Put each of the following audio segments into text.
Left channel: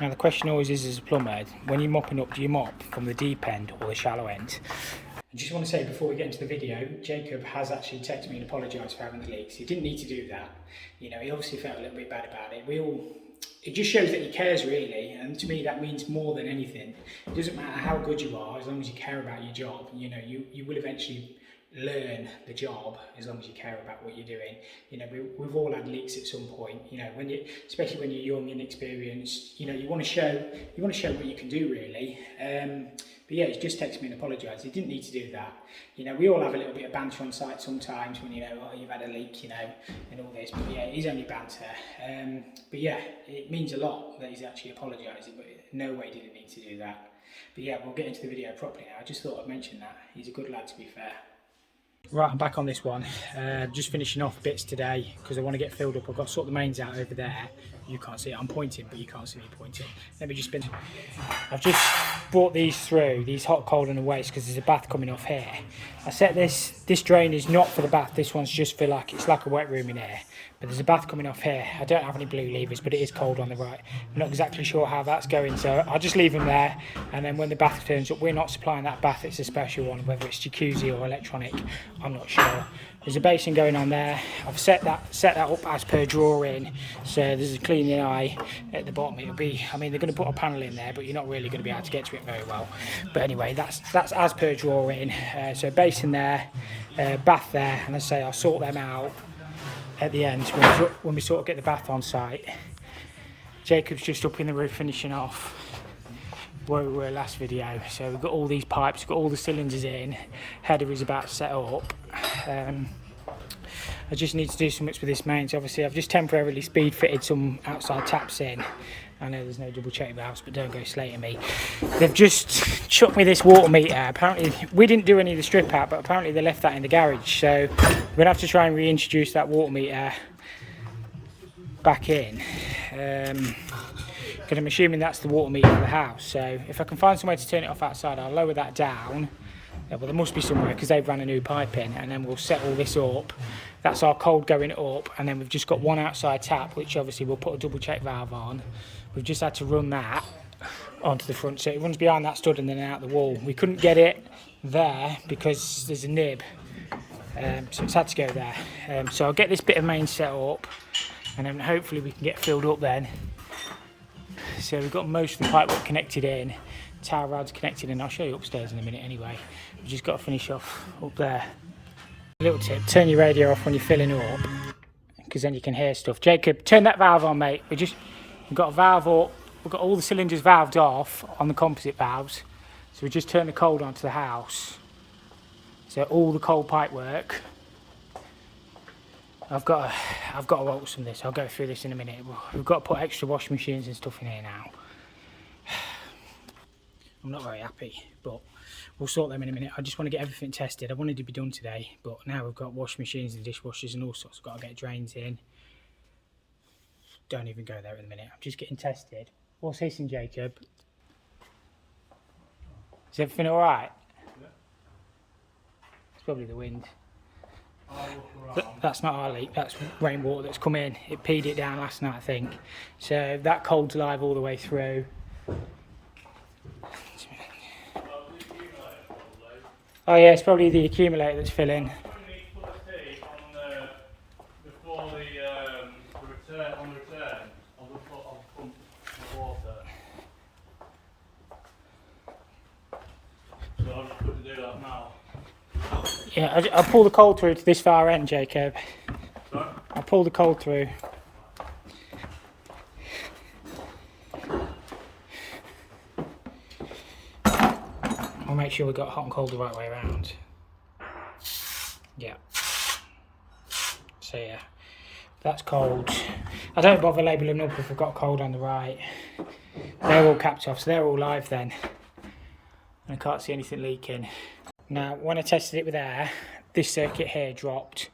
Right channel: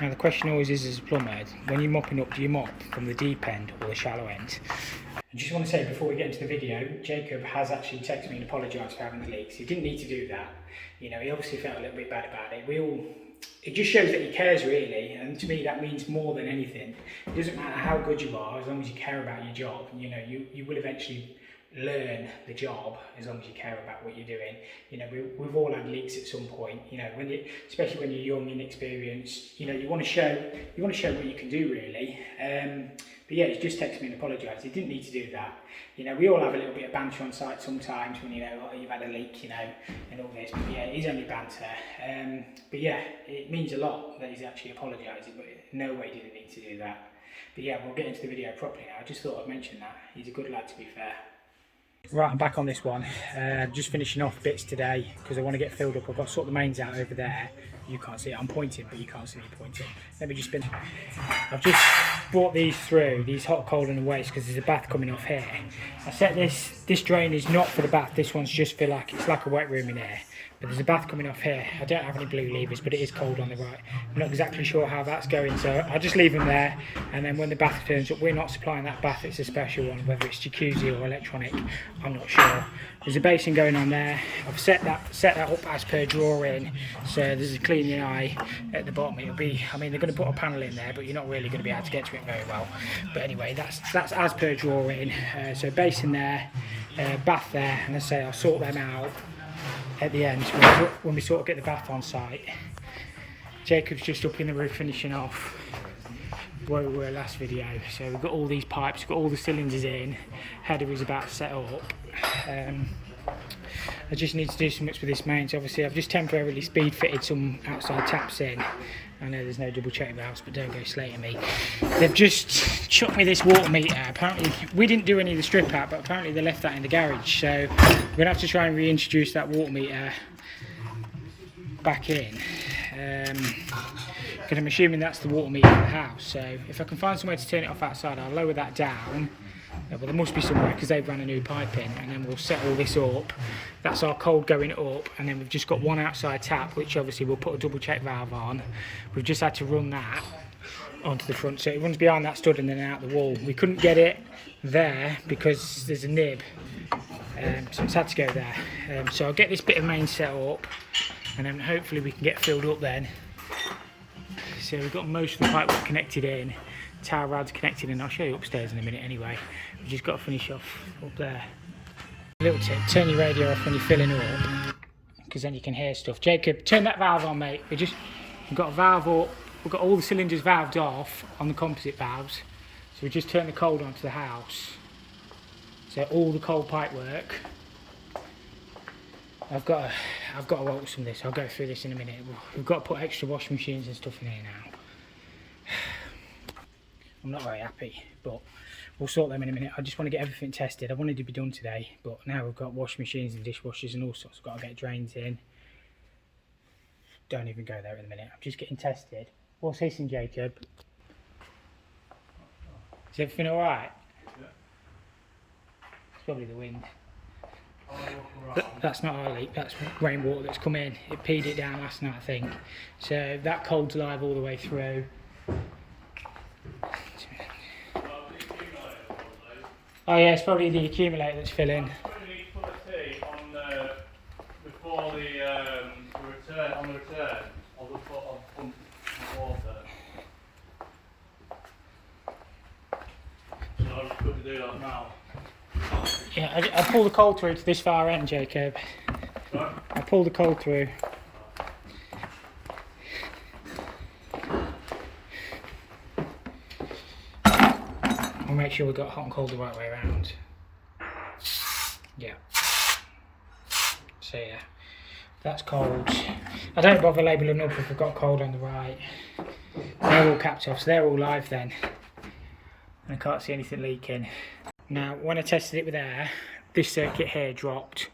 Now the question always is, as a plumber, when you're mopping up, do you mop from the deep end or the shallow end? I just want to say before we get into the video, Jacob has actually texted me and apologised for having the leaks. He didn't need to do that. You know, he obviously felt a little bit bad about it. It just shows that he cares really, and to me that means more than anything. It doesn't matter how good you are, as long as you care about your job. You know, you will eventually learn the job as long as you care about what you're doing. You know, we've all had leaks at some point. You know, especially when you're young and inexperienced, you know, you want to show what you can do really. But yeah, he's just texted me and apologised. He didn't need to do that. You know, we all have a little bit of banter on site sometimes when, you know, oh, you've had a leak, you know, and all this. But yeah, it's only banter. But yeah, it means a lot that he's actually apologising, but no way did he need to do that. But yeah, we'll get into the video properly now. I just thought I'd mention that. He's a good lad, to be fair. Right, I'm back on this one. Just finishing off bits today because I want to get filled up. I've got to sort the mains out over there. You can't see it, I'm pointing, but you can't see me pointing. Let me just spin. I've just brought these through, these hot, cold and waste, because there's a bath coming off here. I set this drain is not for the bath, this one's just for it's like a wet room in here. But there's a bath coming off here. I don't have any blue levers, but it is cold on the right. I'm not exactly sure how that's going, so I'll just leave them there. And then when the bath turns up, we're not supplying that bath, it's a special one, whether it's jacuzzi or electronic, I'm not sure. There's a basin going on there. I've set that up as per drawing, so there's a cleaning eye at the bottom. It'll be, I mean, they're going to put a panel in there, but you're not really going to be able to get to it very well. But anyway, that's as per drawing. So basin there, bath there, and I say I'll sort them out at the end when we sort of get the bath on site. Jacob's just up in the roof finishing off where we were last video. So we've got all these pipes, we've got all the cylinders in, header is about to set up. I just need to do some bits with this mains. Obviously I've just temporarily speed fitted some outside taps in. I know there's no double check valves, but don't go slating me. They've just chucked me this water meter. Apparently, we didn't do any of the strip out, but apparently they left that in the garage. So we're going to have to try and reintroduce that water meter back in. Because I'm assuming that's the water meter for the house. So if I can find some way to turn it off outside, I'll lower that down. Yeah, well, there must be somewhere because they've run a new pipe in, and then we'll set all this up. That's our cold going up, and then we've just got one outside tap, which obviously we'll put a double check valve on. We've just had to run that onto the front, so it runs behind that stud and then out the wall. We couldn't get it there because there's a nib, so it's had to go there. So I'll get this bit of main set up, and then hopefully we can get filled up then. So we've got most of the pipework connected in. Tower rods connected, and I'll show you upstairs in a minute anyway. We've just got to finish off up there. Little tip, turn your radio off when you're filling up, because then you can hear stuff. Jacob, turn that valve on, mate. We've got a valve up, we've got all the cylinders valved off on the composite valves, so we just turn the cold onto the house. So all the cold pipe work. I've got to alter some of this. I'll go through this in a minute. We've got to put extra washing machines and stuff in here now. I'm not very happy, but we'll sort them in a minute. I just want to get everything tested. I wanted to be done today, but now we've got washing machines and dishwashers and all sorts. We've got to get drains in. Don't even go there in a minute. I'm just getting tested. What's hissing, Jacob? Is everything all right? Yeah. It's probably the wind. That's not our leak, that's rainwater that's come in. It peed it down last night, I think. So that cold's live all the way through. Oh yeah, it's probably the accumulator that's filling. Before the return, on the return, I'll just pump some water. So I'll just quickly do that now. Yeah, I'll pull the cold through to this far end, Jacob. Sorry? I'll pull the cold through. I'll make sure we've got hot and cold the right way around. Yeah. So yeah, that's cold. I don't bother labelling up if we've got cold on the right. They're all capped off, so they're all live then. And I can't see anything leaking. Now, when I tested it with air, this circuit here dropped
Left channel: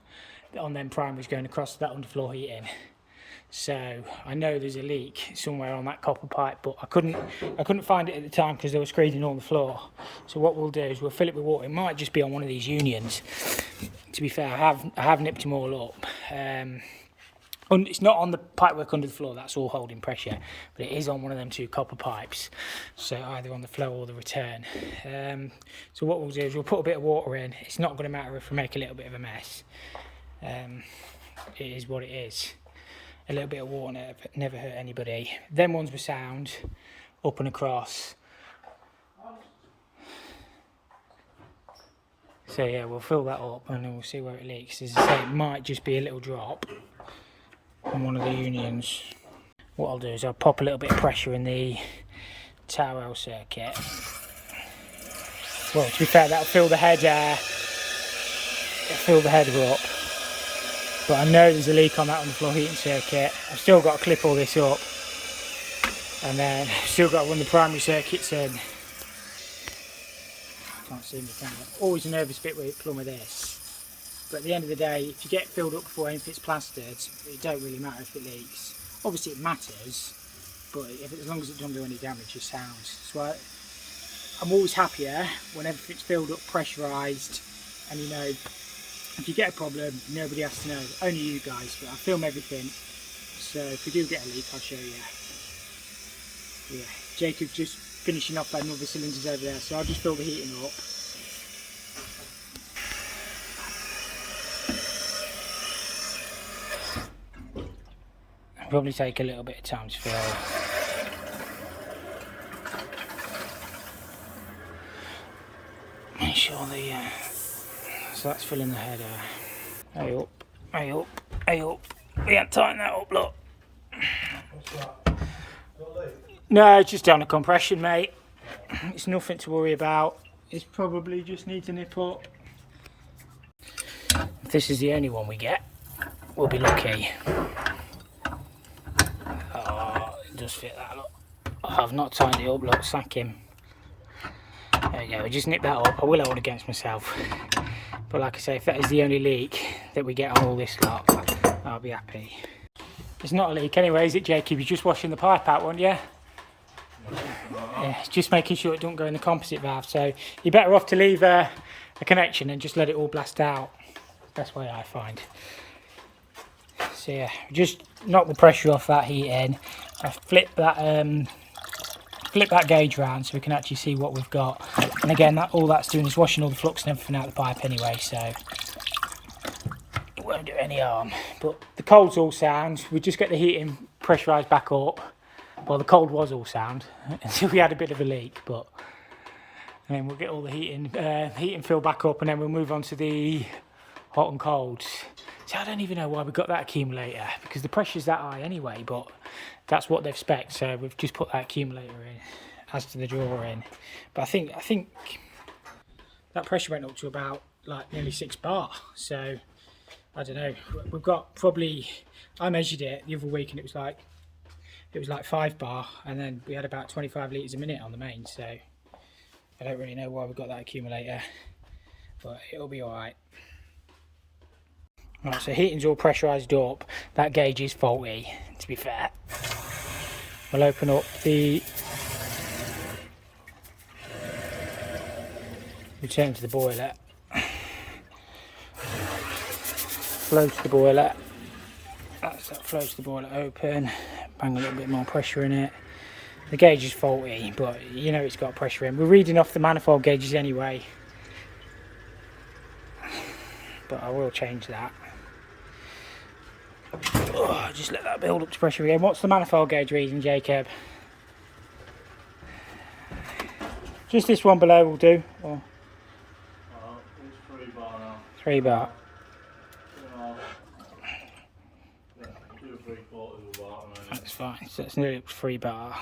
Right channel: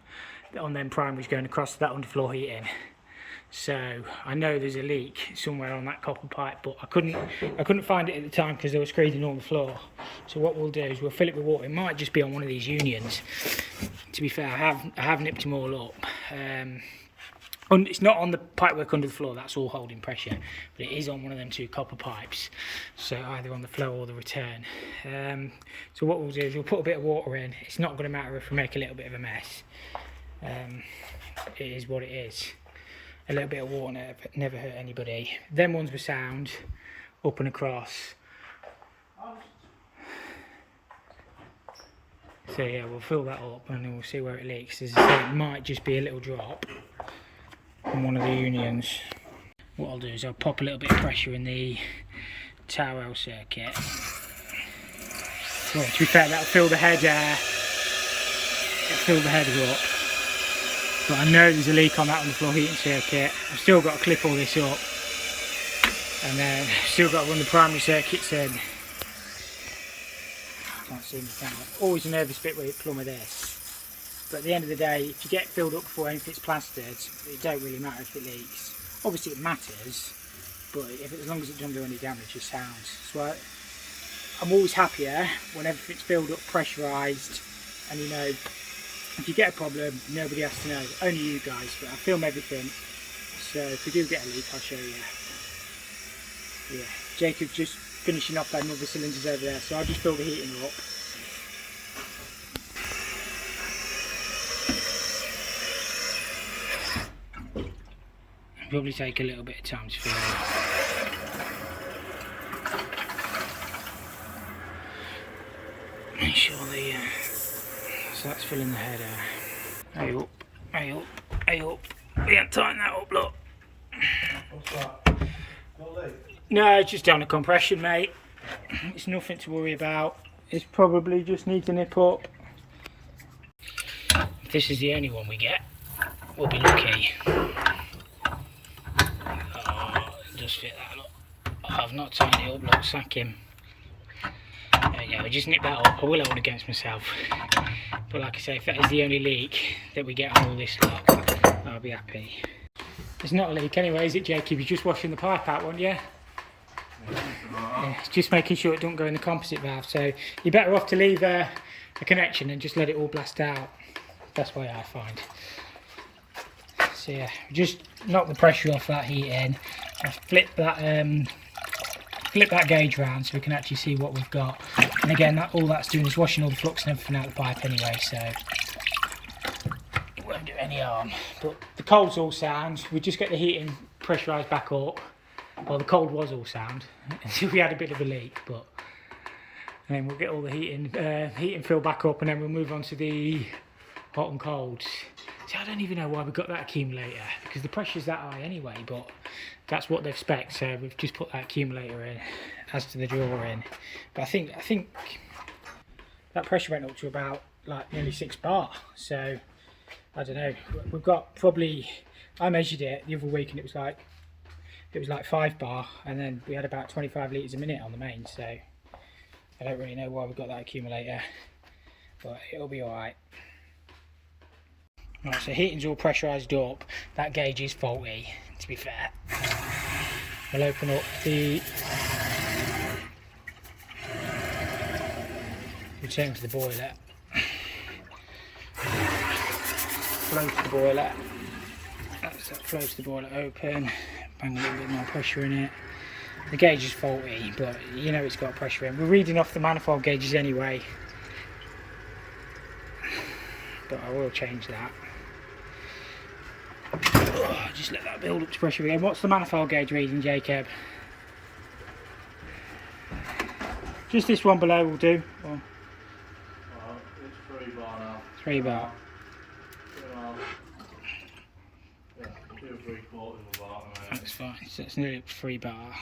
on them primaries going across to that underfloor heating. So I know there's a leak somewhere on that copper pipe, but I couldn't find it at the time because they were screeding on the floor. So what we'll do is we'll fill it with water. It might just be on one of these unions. To be fair, I have nipped them all up. It's not on the pipework under the floor, that's all holding pressure, but it is on one of them 2 copper pipes, so either on the flow or the return. So what we'll do is we'll put a bit of water in. It's not going to matter if we make a little bit of a mess. It is what it is. A little bit of water never hurt anybody. Them ones were sound, up and across. So yeah, we'll fill that up and then we'll see where it leaks. As I say, it might just be a little drop on one of the unions. What I'll do is I'll pop a little bit of pressure in the towel circuit. Well, to be fair, that'll fill the header up. But I know there's a leak on that on the floor heating circuit. I've still got to clip all this up, and then I've still got to run the primary circuits in. Can't see me, can I? Always a nervous bit with plumber this. But at the end of the day, if you get filled up before anything's plastered, it don't really matter if it leaks. Obviously it matters, but as long as it doesn't do any damage, it sounds. So I'm always happier when everything's filled up, pressurised, and you know, if you get a problem, nobody has to know, only you guys. But I film everything, so if we do get a leak, I'll show you. Yeah, Jacob's just finishing off them other cylinders over there, so I'll just fill the heating up. It'll probably take a little bit of time to fill. Make sure the so that's filling the header. Hey up, hey up, hey up. We can't tighten that up, look. What's that? No, it's just down a compression, mate. It's nothing to worry about. It probably just needs a nip up. If this is the only one we get, we'll be lucky. Oh, it does fit that, look. Oh, I've not tightened it up, look, sack him. There we go, we just nip that up. I will hold against myself. But like I say, if that is the only leak that we get on all this lot, I'll be happy. It's not a leak anyway, is it, Jacob? You're just washing the pipe out, weren't you? Yeah, just making sure it don't go in the composite valve. So you're better off to leave a connection and just let it all blast out. That's the way I find. So yeah, just knock the pressure off that heat in. I flip that gauge round so we can actually see what we've got. And again, all that's doing is washing all the flux and everything out of the pipe anyway, so it won't do any harm. But the cold's all sound. We just get the heating pressurised back up. Well, the cold was all sound until we had a bit of a leak, but and then we'll get all the heating filled back up, and then we'll move on to the hot and colds. So I don't even know why we got that accumulator, because the pressure's that high anyway, but that's what they've spec'd, so we've just put that accumulator in as to the drawer in. But I think that pressure went up to about like nearly 6 bar, so I don't know. We've got probably, I measured it the other week and it was like 5 bar, and then we had about 25 litres a minute on the main, so I don't really know why we've got that accumulator, but it'll be alright. Right, so heating's all pressurised up. That gauge is faulty, to be fair. I'll open up the return to the boiler. Flow to the boiler. That flows to the boiler open. Bang a little bit more pressure in it. The gauge is faulty, but you know it's got pressure in. We're reading off the manifold gauges anyway, but I will change that. Oh, just let that build up to pressure again. What's the manifold gauge reading, Jacob? Just this one below will do. Or... it's 3 bar now. 3 bar. Yeah, 2 3/4 of a bar. That's fine. So it's nearly 3 bar.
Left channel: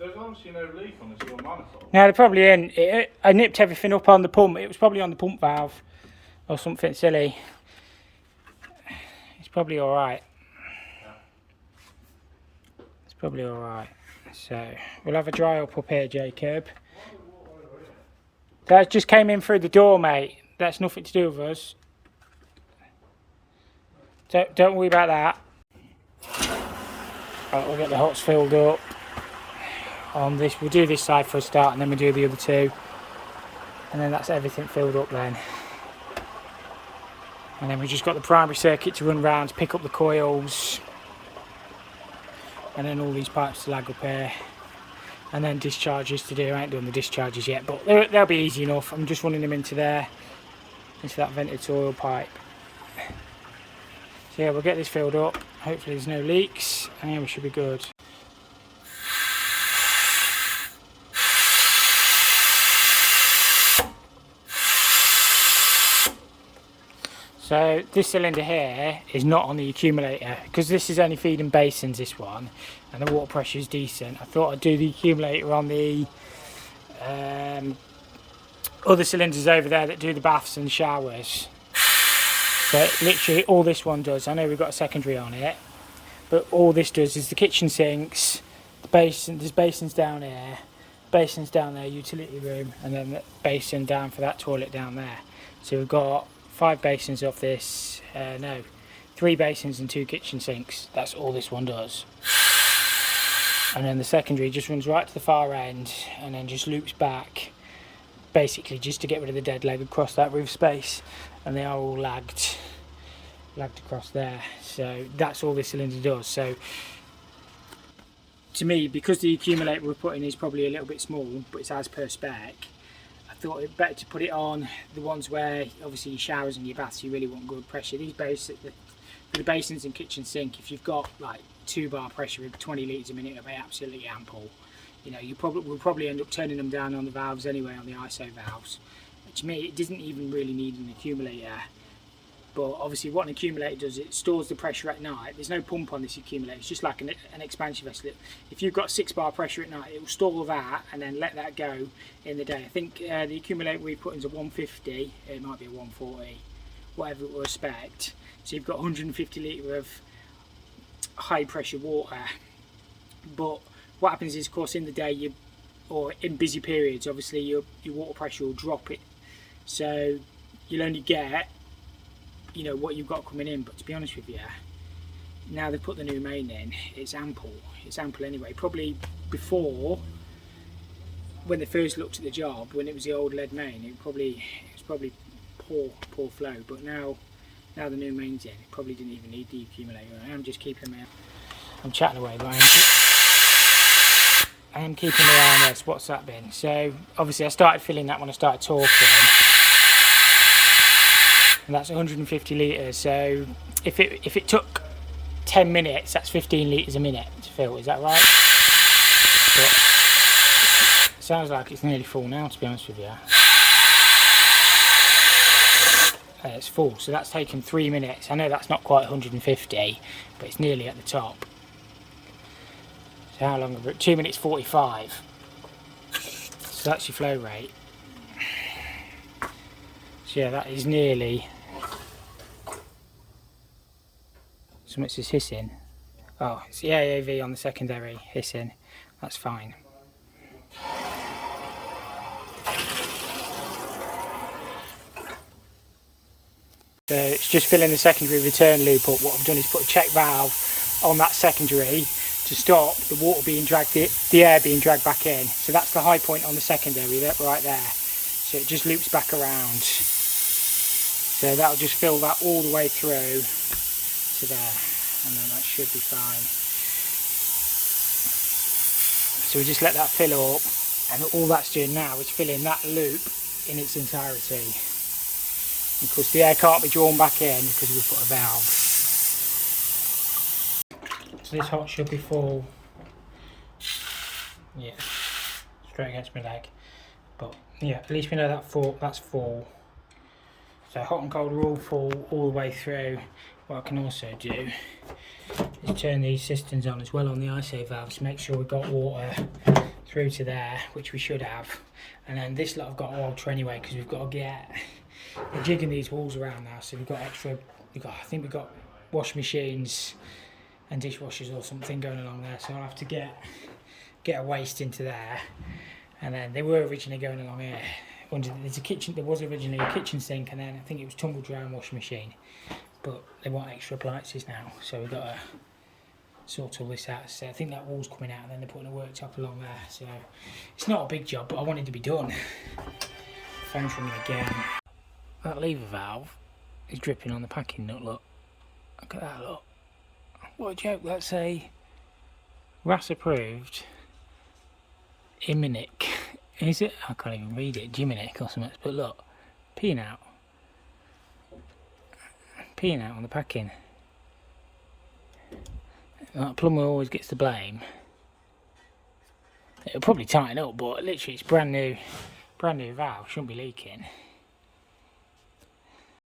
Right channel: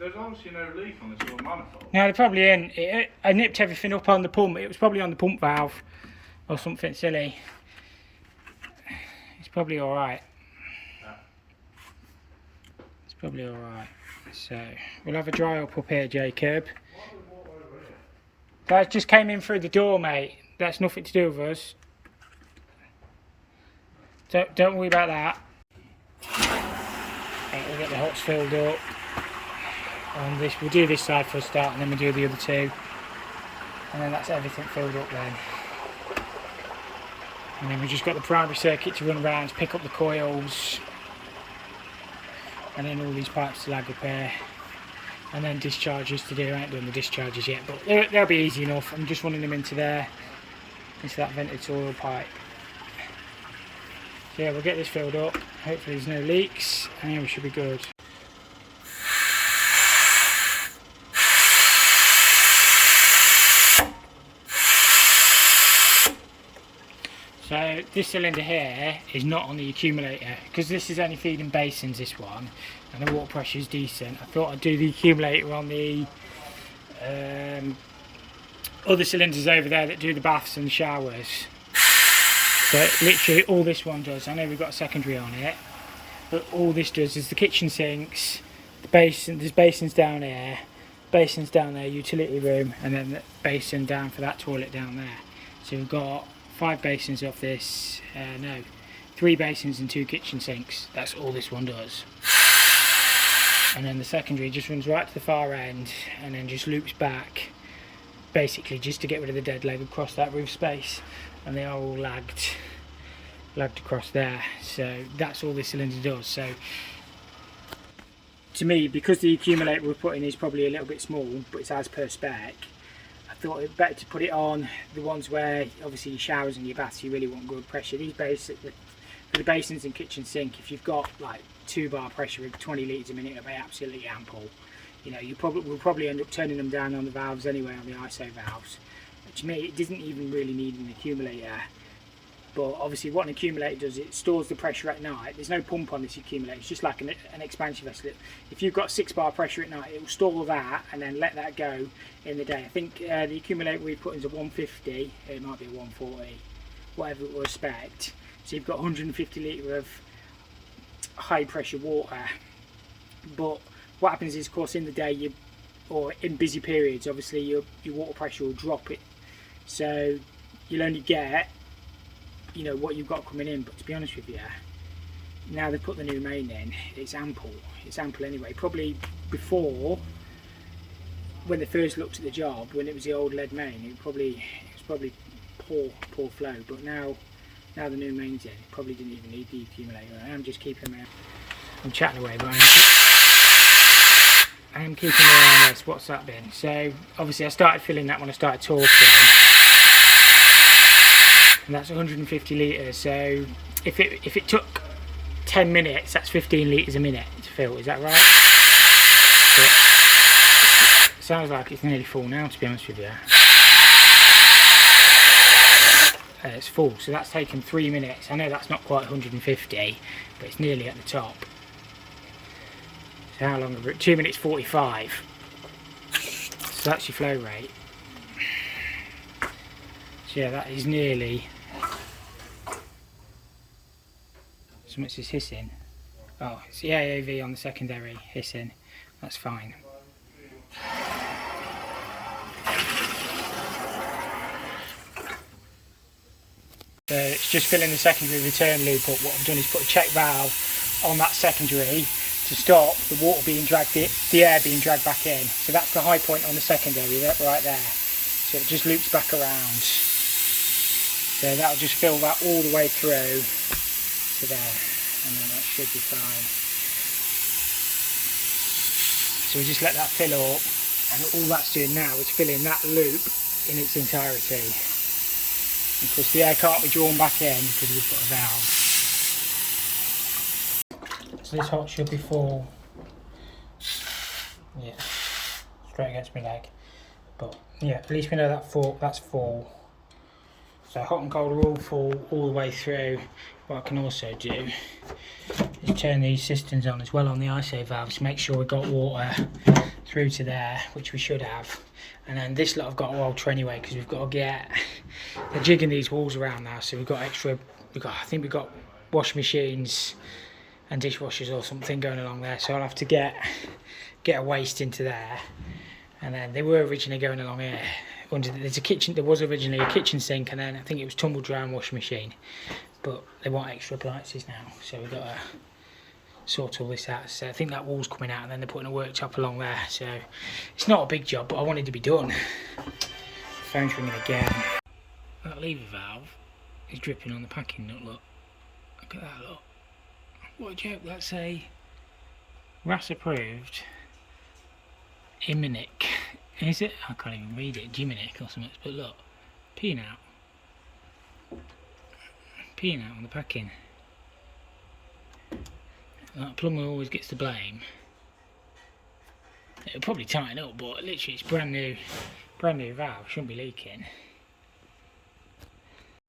There's obviously no leak on this one manifold. No, they're probably in. I nipped everything up on the pump. It was probably on the pump valve or something silly. It's probably alright. Yeah. It's probably alright. So we'll have a dry up here, Jacob. That just came in through the door, mate. That's nothing to do with us. Don't worry about that. Right, we'll get the hots filled up on this. We'll do this side for a start, and then we'll do the other 2, and then that's everything filled up then. And then we've just got the primary circuit to run around, pick up the coils, and then all these pipes to lag up here, and then discharges to do. I ain't done the discharges yet, but they'll be easy enough. I'm just running them into there, into that vented oil pipe. So yeah, we'll get this filled up. Hopefully there's no leaks, and we should be good. So this cylinder here is not on the accumulator, because this is only feeding basins, this one, and the water pressure is decent. I thought I'd do the accumulator on the other cylinders over there that do the baths and showers. So literally all this one does, I know we've got a secondary on it, but all this does is the kitchen sinks, the basin, there's basins down here, basins down there, utility room, and then the basin down for that toilet down there. So we've got 5 basins off this, 3 basins and 2 kitchen sinks. That's all this one does. And then the secondary just runs right to the far end and then just loops back, basically just to get rid of the dead leg across that roof space, and they are all lagged across there. So that's all this cylinder does. So to me, because the accumulator we're putting is probably a little bit small, but it's as per spec, I thought it better to put it on the ones where obviously your showers and your baths you really want good pressure. These for the basins and kitchen sink, if you've got like 2 bar pressure with 20 litres a minute, it'll be absolutely ample. You know, we'll probably end up turning them down on the valves anyway, on the ISO valves. To me, it doesn't even really need an accumulator. But obviously what an accumulator does, it stores the pressure at night. There's no pump on this accumulator, it's just like an expansion vessel. If you've got 6 bar pressure at night, it will store that and then let that go in the day. I think the accumulator we put in is a 150, it might be a 140, whatever it will respect. So you've got 150 litre of high pressure water. But what happens is, of course, in the day, or in busy periods, obviously your water pressure will drop it. So you'll only get, you know, what you've got coming in. But to be honest with you, now they've put the new main in, it's ample anyway. Probably before, when they first looked at the job, when it was the old lead main, it was probably poor flow. But now the new main's in, it probably didn't even need the accumulator. I'm just keeping my, I'm chatting away, but I am keeping my eye on this. What's that been? So obviously I started filling that when I started talking, and that's 150 litres. So if it took 10 minutes, that's 15 litres a minute to fill. Is that right? Yeah. Sounds like it's nearly full now, to be honest with you. It's full, so that's taken 3 minutes. I know that's not quite 150, but it's nearly at the top. So how long have we? 2 minutes 45. So that's your flow rate. So yeah, that is nearly. So much is hissing. Oh, it's the AAV on the secondary hissing. That's fine. So it's just filling the secondary return loop up. What I've done is put a check valve on that secondary to stop the water being dragged, the air being dragged back in. So that's the high point on the secondary, right there. So it just loops back around. So that'll just fill that all the way through to there, and then that should be fine. So we just let that fill up, and all that's doing now is filling that loop in its entirety. Of course the air can't be drawn back in because we've put a valve. So this hot should be full. Yeah, straight against my leg. But yeah, at least we know that's full. So hot and cold are all full all the way through. What I can also do is turn these cisterns on as well on the ISO valves to make sure we've got water through to there, which we should have. And then this lot I've got to alter anyway, because we've got to get, they're jigging these walls around now, so we've got extra, I think we've got washing machines and dishwashers or something going along there, so I'll have to get a waste into there. And then they were originally going along here. There's a kitchen, there was originally a kitchen sink, and then I think it was tumble dry and washing machine, but they want extra appliances now, so we've got to sort all this out. So I think that wall's coming out, and then they're putting a worktop along there, so it's not a big job, but I wanted to be done. The phone's ringing again. That lever valve is dripping on the packing nut, look. Look at that, look. What a joke, that's a RAS approved Iminic. Is it? I can't even read it, Jiminic or something, but look, peeing out on the packing. Like, plumber always gets the blame. It'll probably tighten up, but literally it's brand new valve, shouldn't be leaking.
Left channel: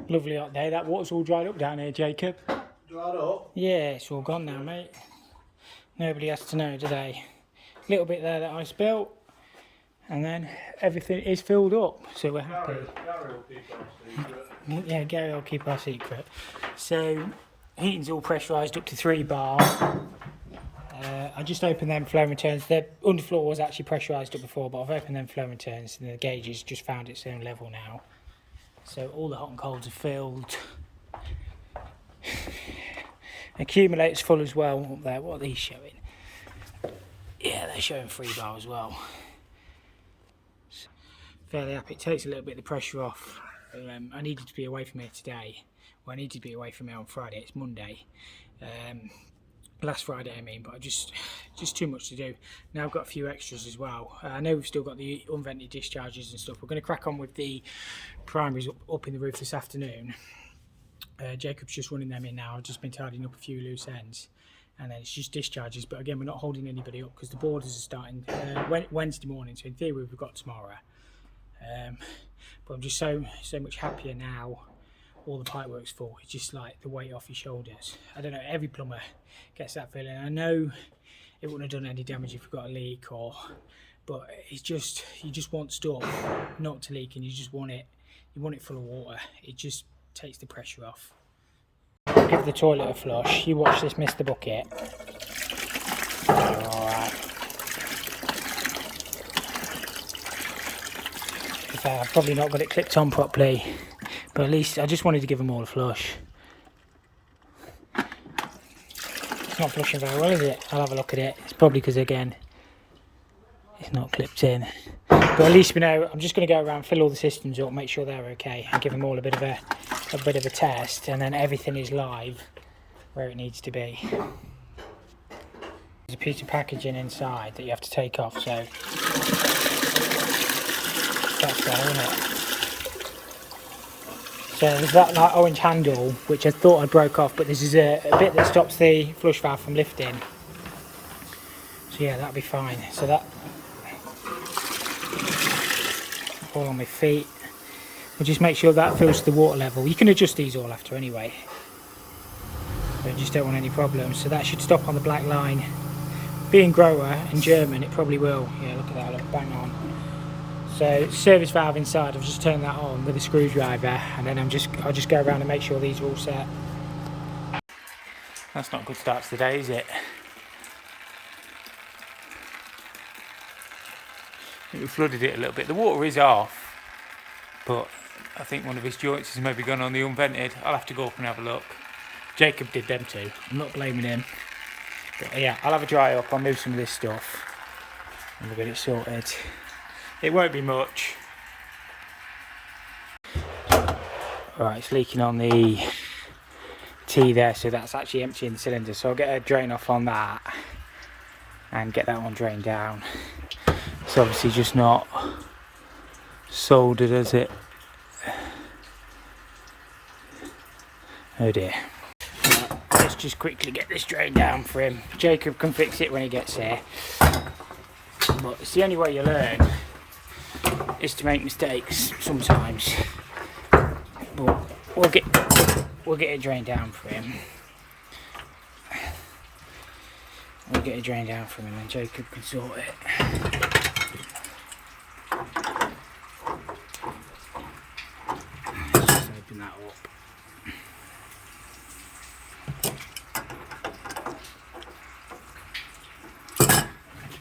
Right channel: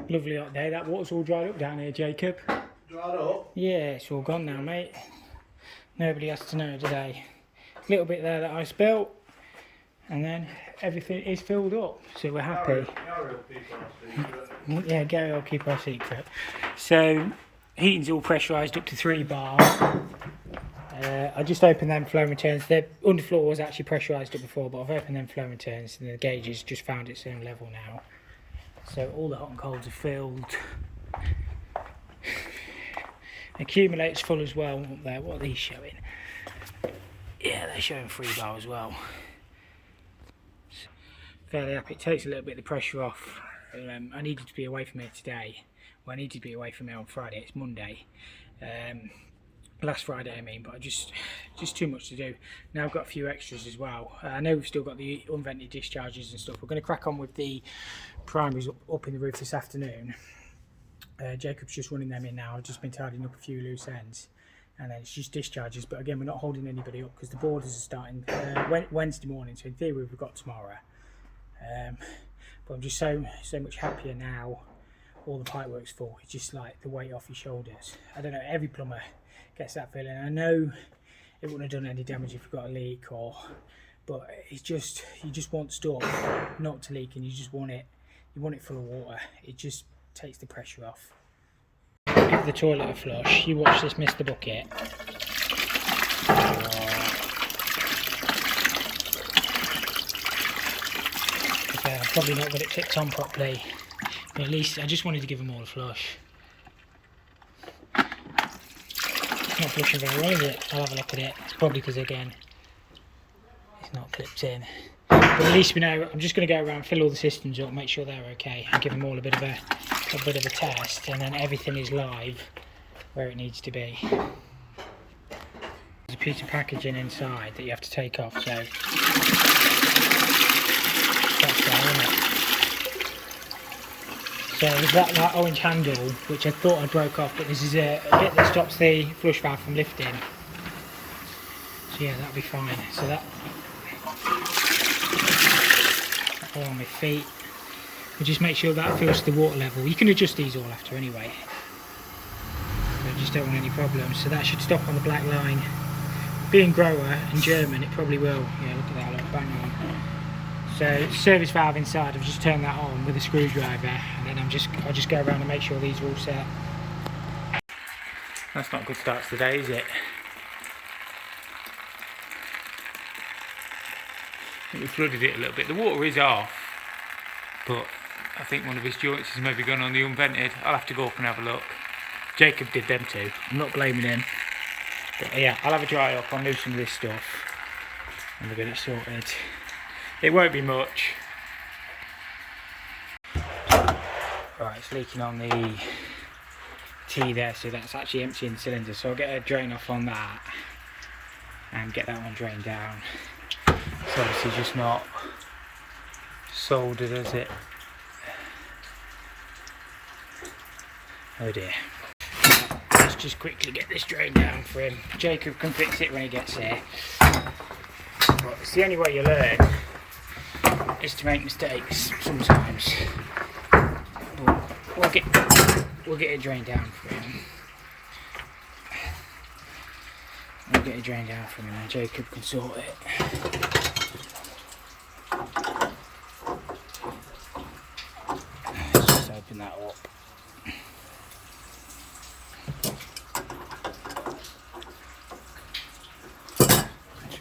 Lovely hot day. That water's all dried up down here, Jacob. Dried up? Yeah, it's all gone now, mate. Nobody has to know today. Little bit there that I spilt, and then everything is filled up, so we're happy. Gary will keep our secret. Yeah, Gary will keep our secret. So, heating's all pressurised up to 3 bar. I just opened them flow returns. The underfloor was actually pressurised up before, but I've opened them flow returns, and the gauge has just found its own level now. So all the hot and colds are filled. Accumulator's full as well up there. What are these showing? Yeah, they're showing 3 bar as well. Fairly happy. It takes a little bit of the pressure off. I needed to be away from here today. Well, I needed to be away from here on Friday. It's Monday. Last Friday I mean, but just too much to do. Now I've got a few extras as well. I know we've still got the unvented discharges and stuff. We're going to crack on with the primaries up in the roof this afternoon. Jacob's just running them in now. I've just been tidying up a few loose ends, and then it's just discharges. But again, we're not holding anybody up because the borders are starting Wednesday morning, so in theory we've got tomorrow. But I'm just so much happier now. All the pipe work's full. It's just like the weight off your shoulders. I don't know, every plumber gets that feeling. I know it wouldn't have done any damage if you've got a leak, but it's just, you just want stuff not to leak, and you just want it, full of water. It just takes the pressure off. Give the toilet a flush. You watch this miss the bucket. Alright. Okay, I've probably not got it clipped on properly, but at least I just wanted to give them all a flush. It's not flushing very well, is it? I'll have a look at it. It's probably because, again, it's not clipped in. But at least we know. I'm just going to go around, fill all the systems up, make sure they're okay, and give them all a bit of a test, and then everything is live where it needs to be. There's a piece of packaging inside that you have to take off, so that's there, isn't it? So there's that like orange handle, which I thought I broke off, but this is a bit that stops the flush valve from lifting. So yeah, that'll be fine. So that all on my feet. And just make sure that fills the water level. You can adjust these all after anyway. But you just don't want any problems. So that should stop on the black line. Being grower and German, it probably will. Yeah, look at that, look, bang on. So service valve inside, I've just turned that on with a screwdriver, and then I'll just go around and make sure these are all set. That's not a good start to the day, is it? I think we flooded it a little bit. The water is off, but I think one of his joints has maybe gone on the unvented. I'll have to go up and have a look. Jacob did them too. I'm not blaming him. But yeah, I'll have a dry up. I'll move some of this stuff, and we'll get it sorted. It won't be much. Right, it's leaking on the T there, so that's actually emptying the cylinder. So I'll get a drain off on that and get that one drained down. It's obviously just not soldered, is it? Oh dear. Let's just quickly get this drained down for him. Jacob can fix it when he gets here. But it's the only way you learn, is to make mistakes sometimes. But we'll get it drained down for him. We'll get it drained down for him, and then Jacob can sort it. Let's just open that up.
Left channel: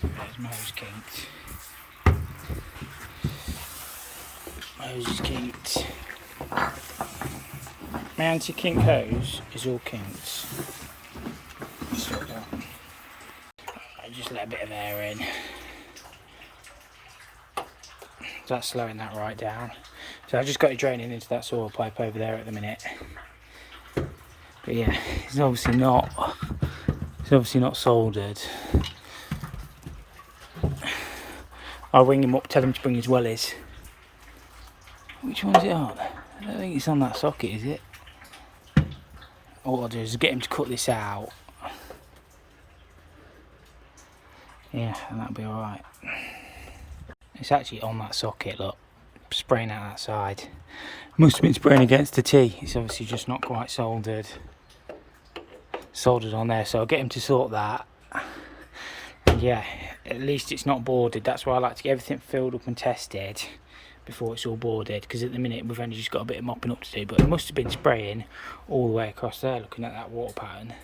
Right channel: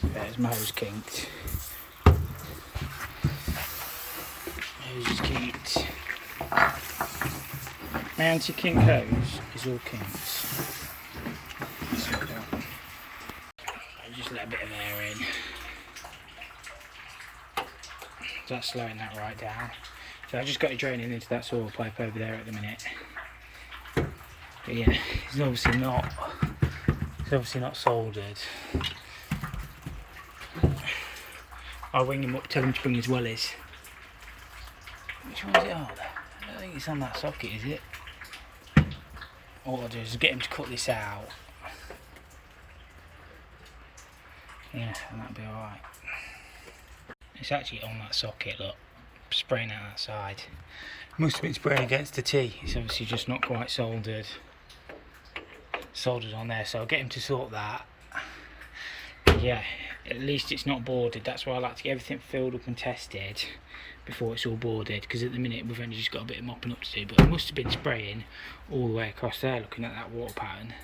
There's my hose kinked. Hose is kinked. My anti-kink hose is all kinked. So I just let a bit of air in. So that's slowing that right down. So I just got it draining into that soil pipe over there at the minute. But yeah, it's obviously not soldered. I'll ring him up, tell him to bring his wellies. Which one is it on? I don't think it's on that socket, is it? All I'll do is get him to cut this out. Yeah, and that'll be alright. It's actually on that socket, look. Spraying out that side. Must have been spraying against the T. It's obviously just not quite soldered on there, so I'll get him to sort that. Yeah, at least it's not boarded. That's why I like to get everything filled up and tested before it's all boarded, because at the minute we've only just got a bit of mopping up to do. But it must have been spraying all the way across there, looking at that water pattern.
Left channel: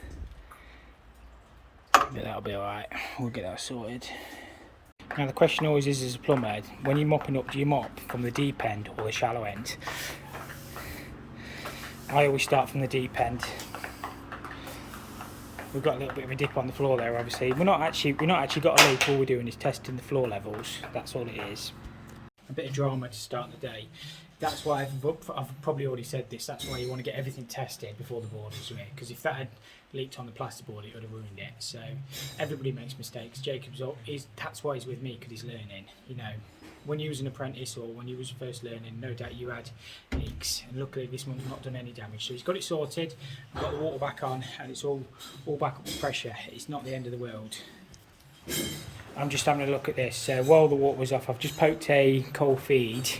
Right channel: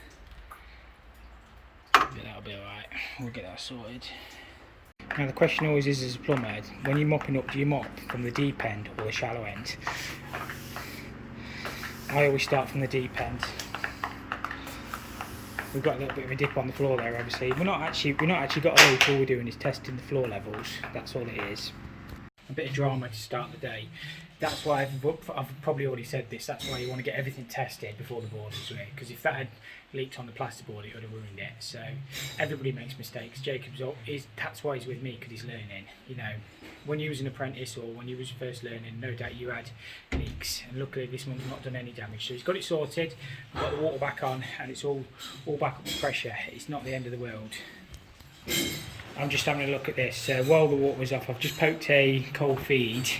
But that'll be alright, we'll get that sorted. Now the question always is, as a plumber, when you're mopping up, do you mop from the deep end or the shallow end? I always start from the deep end. We've got a little bit of a dip on the floor there, obviously. We're not actually got a leak. All we're doing is testing the floor levels. That's all it is. A bit of drama to start the day. That's why I've probably already said this. That's why you want to get everything tested before the board is in, because if that had leaked on the plasterboard, it would have ruined it. So everybody makes mistakes. That's why he's with me, because he's learning. You know, when you was an apprentice or when you was first learning, no doubt you had leaks. And luckily this one's not done any damage. So he's got it sorted. We've got the water back on, and it's all back up to pressure. It's not the end of the world. I'm just having a look at this. While the water was off, I've just poked a cold feed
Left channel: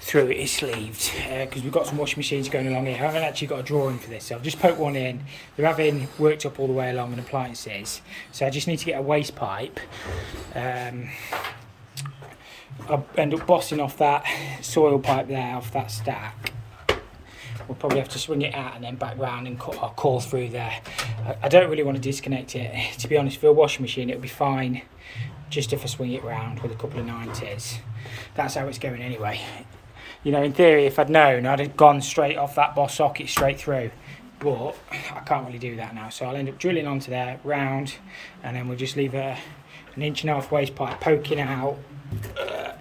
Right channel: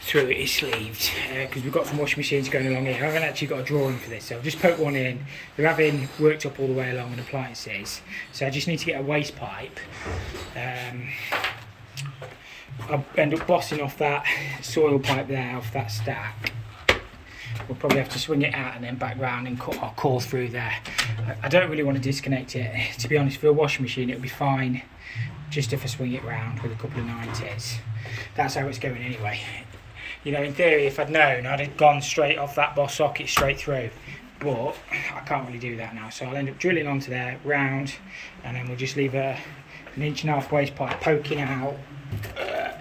through it. It's sleeved because we've got some washing machines going along here. I haven't actually got a drawing for this, so I've just poked one in. They're having worked up all the way along on appliances, so I just need to get a waste pipe. I'll end up bossing off that soil pipe there, off that stack. We'll probably have to swing it out and then back round and cut our core through there. I don't really want to disconnect it. To be honest, for a washing machine it'll be fine just if I swing it round with a couple of 90s. That's how it's going anyway. You know, in theory, if I'd known, I'd have gone straight off that boss socket straight through. But I can't really do that now, so I'll end up drilling onto there, round, and then we'll just leave an 1.5 inch waste pipe poking out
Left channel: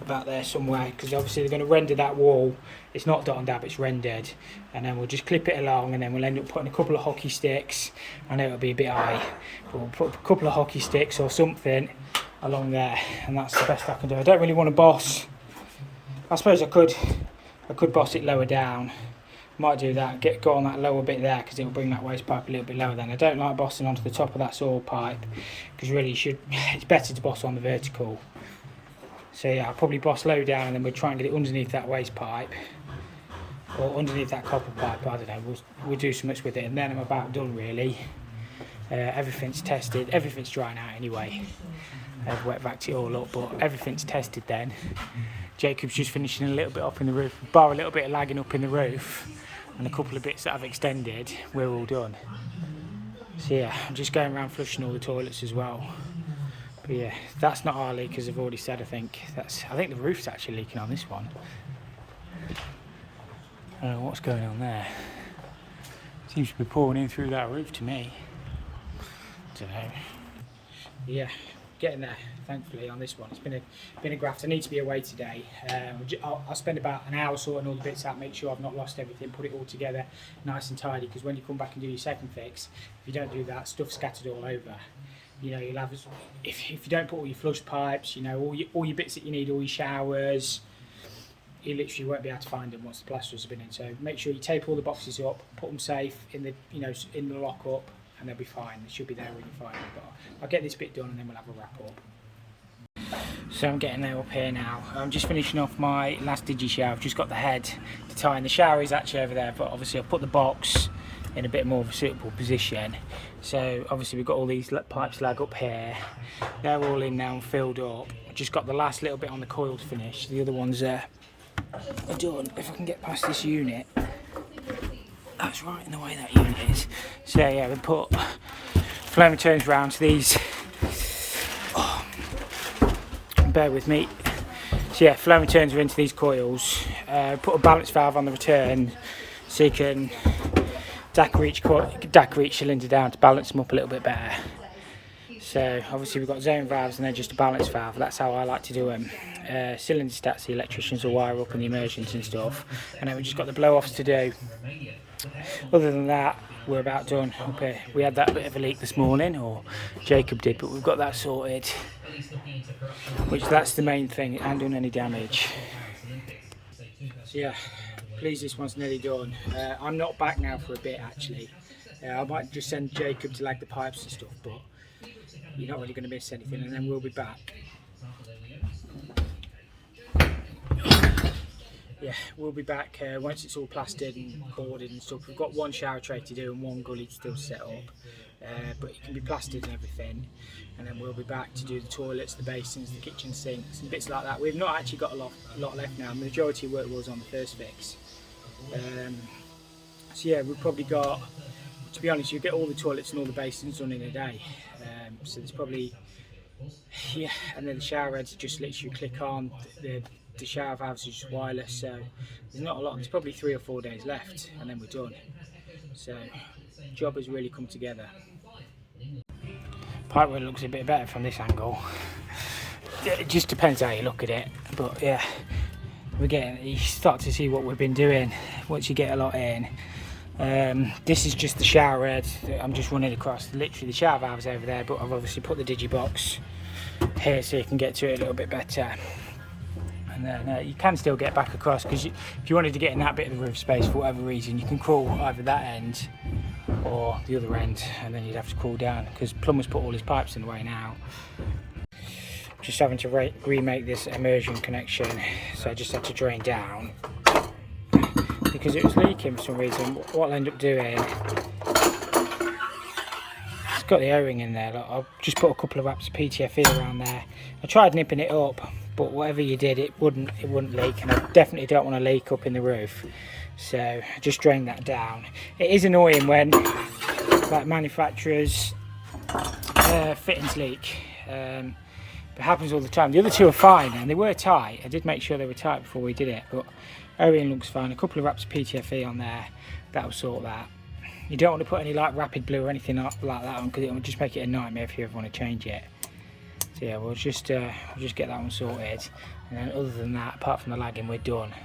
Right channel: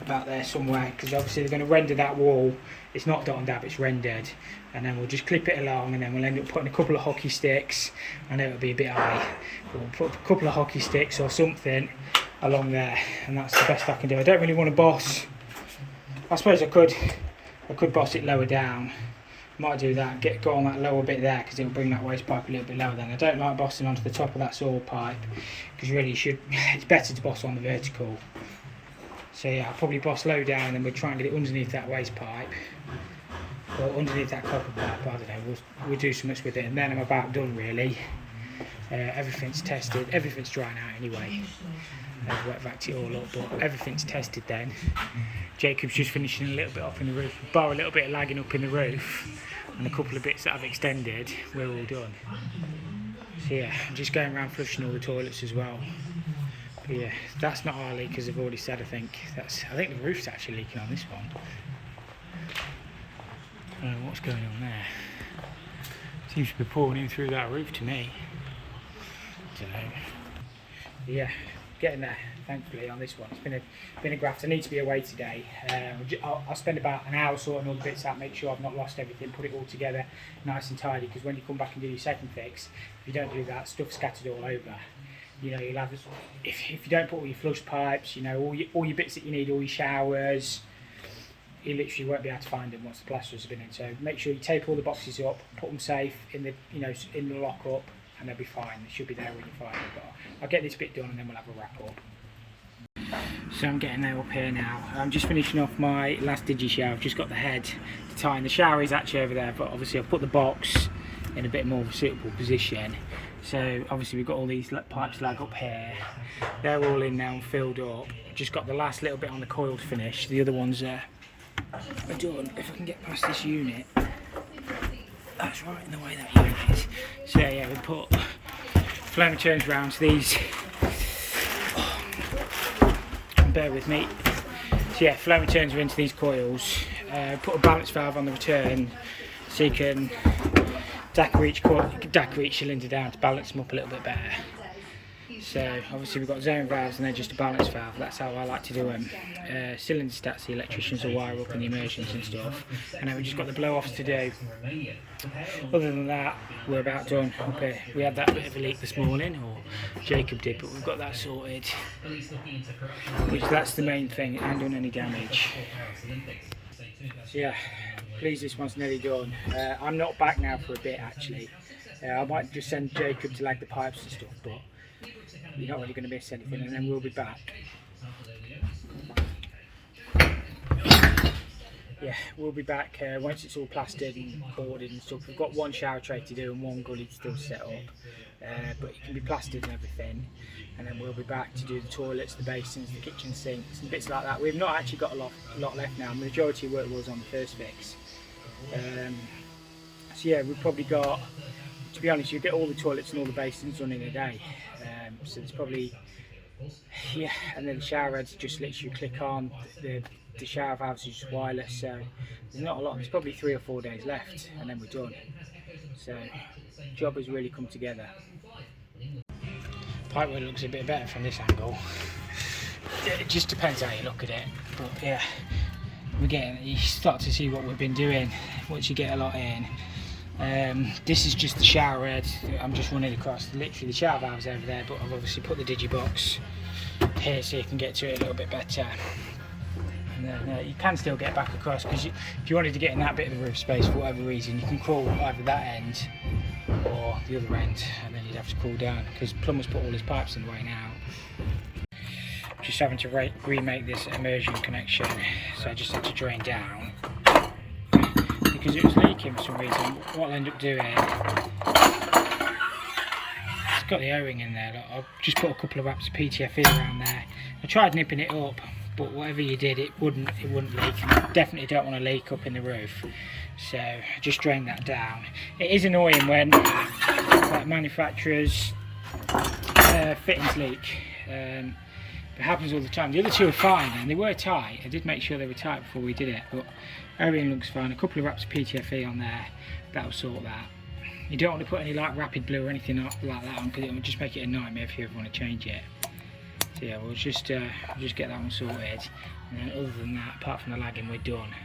about there somewhere, because obviously they're going to render that wall. It's not dot and dab, it's rendered, and then we'll just clip it along, and then we'll end up putting a couple of hockey sticks. I know it'll be a bit high, but we'll put a couple of hockey sticks or something along there, and that's the best I can do. I don't really want to boss. I suppose I could boss it lower down. Might do that, go on that lower bit there, because it'll bring that waste pipe a little bit lower. Then I don't like bossing onto the top of that soil pipe, because really it's better to boss on the vertical. So yeah, I'll probably boss low down, and then we'll try and get it underneath that waste pipe, or underneath that copper pipe. I don't know, we'll do so much with it, and then I'm about done really. Everything's tested, everything's drying out anyway. I've wet vacked it all up, but everything's tested then. Jacob's just finishing a little bit off in the roof, bar a little bit of lagging up in the roof, and a couple of bits that I've extended. We're all done. So yeah, I'm just going around flushing all the toilets as well. But yeah, that's not our leak, as I've already said. I think the roof's actually leaking on this one. I don't know what's going on there. Seems to be pouring in through that roof to me. Don't know. Yeah, getting there thankfully on this one. It's been a graft. I need to be away today. I'll spend about an hour sorting all the bits out, make sure I've not lost everything, put it all together nice and tidy, because when you come back and do your second fix, if you don't do that, stuff's scattered all over. You know, you'll have, if you don't put all your flush pipes, you know, all your bits that you need, all your showers, you literally won't be able to find them once the plasters have been in. So make sure you tape all the boxes up, put them safe in the, you know, in the lock up, and they'll be fine. They should be there when you find them. But I'll get this bit done, and then we'll have a wrap up. So I'm getting there up here now. I'm just finishing off my last digi shower. I've just got the head to tie in. The shower is actually over there, but obviously I've put the box in a bit more of a suitable position. So obviously we've got all these pipes lag up here. They're all in now and filled up. I've just got the last little bit on the coil to finish. The other ones are done. If I can get past this unit. That's right in the way that unit is. So yeah, we put flow returns round to these. Bear with me. So yeah, flow returns are into these coils. Put a balance valve on the return so you can DACR each cylinder down to balance them up a little bit better. So obviously we've got zone valves and then just a balance valve. That's how I like to do them. Cylinder stats the electricians will wire up in the immersions and stuff, and then we've just got the blow-offs to do. Other than that, we're about done up here. We had that bit of a leak this morning, or Jacob did, but we've got that sorted, which that's the main thing, and done any damage. So yeah, please, this one's nearly done. I'm not back now for a bit actually. I might just send Jacob to lag the pipes and stuff, but you're not really going to miss anything, and then we'll be back. Yeah, we'll be back once it's all plastered and boarded and stuff. We've got one shower tray to do and one gully to still set up, but it can be plastered and everything. And then we'll be back to do the toilets, the basins, the kitchen sinks and bits like that. We've not actually got a lot left now. The majority of work was on the first fix. So yeah, we've probably got, to be honest, you get all the toilets and all the basins done in a day. So there's probably, yeah, and then the shower heads just literally click on. The shower valves are just wireless, so there's not a lot. There's probably 3 or 4 days left, and then we're done. So the job has really come together. Pipework looks a bit better from this angle. It just depends how you look at it, but yeah, you start to see what we've been doing once you get a lot in. This is just the shower head that I'm just running across. Literally the shower valve's over there, but I've obviously put the digibox here so you can get to it a little bit better. And then you can still get back across, because if you wanted to get in that bit of the roof space for whatever reason, you can crawl either that end or the other end, and then you'd have to crawl down because plumber's put all his pipes in the way now. Just having to remake this immersion connection, so I just had to drain down because it was leaking for some reason. What I'll end up doing, it's got the O-ring in there. Look, I'll just put a couple of wraps of PTFE around there. I tried nipping it up, but whatever you did, it wouldn't leak, and I definitely don't want to leak up in the roof, so just drain that down. It is annoying when like manufacturers fittings leak. It happens all the time. The other two are fine, and they were tight. I did make sure they were tight before we did it, but O-ring looks fine. A couple of wraps of PTFE on there, that'll sort that. You don't want to put any like rapid blue or anything like that on, because it will just make it a nightmare if you ever want to change it. So yeah, we'll just get that one sorted, and then other than that, apart from the lagging, we're done.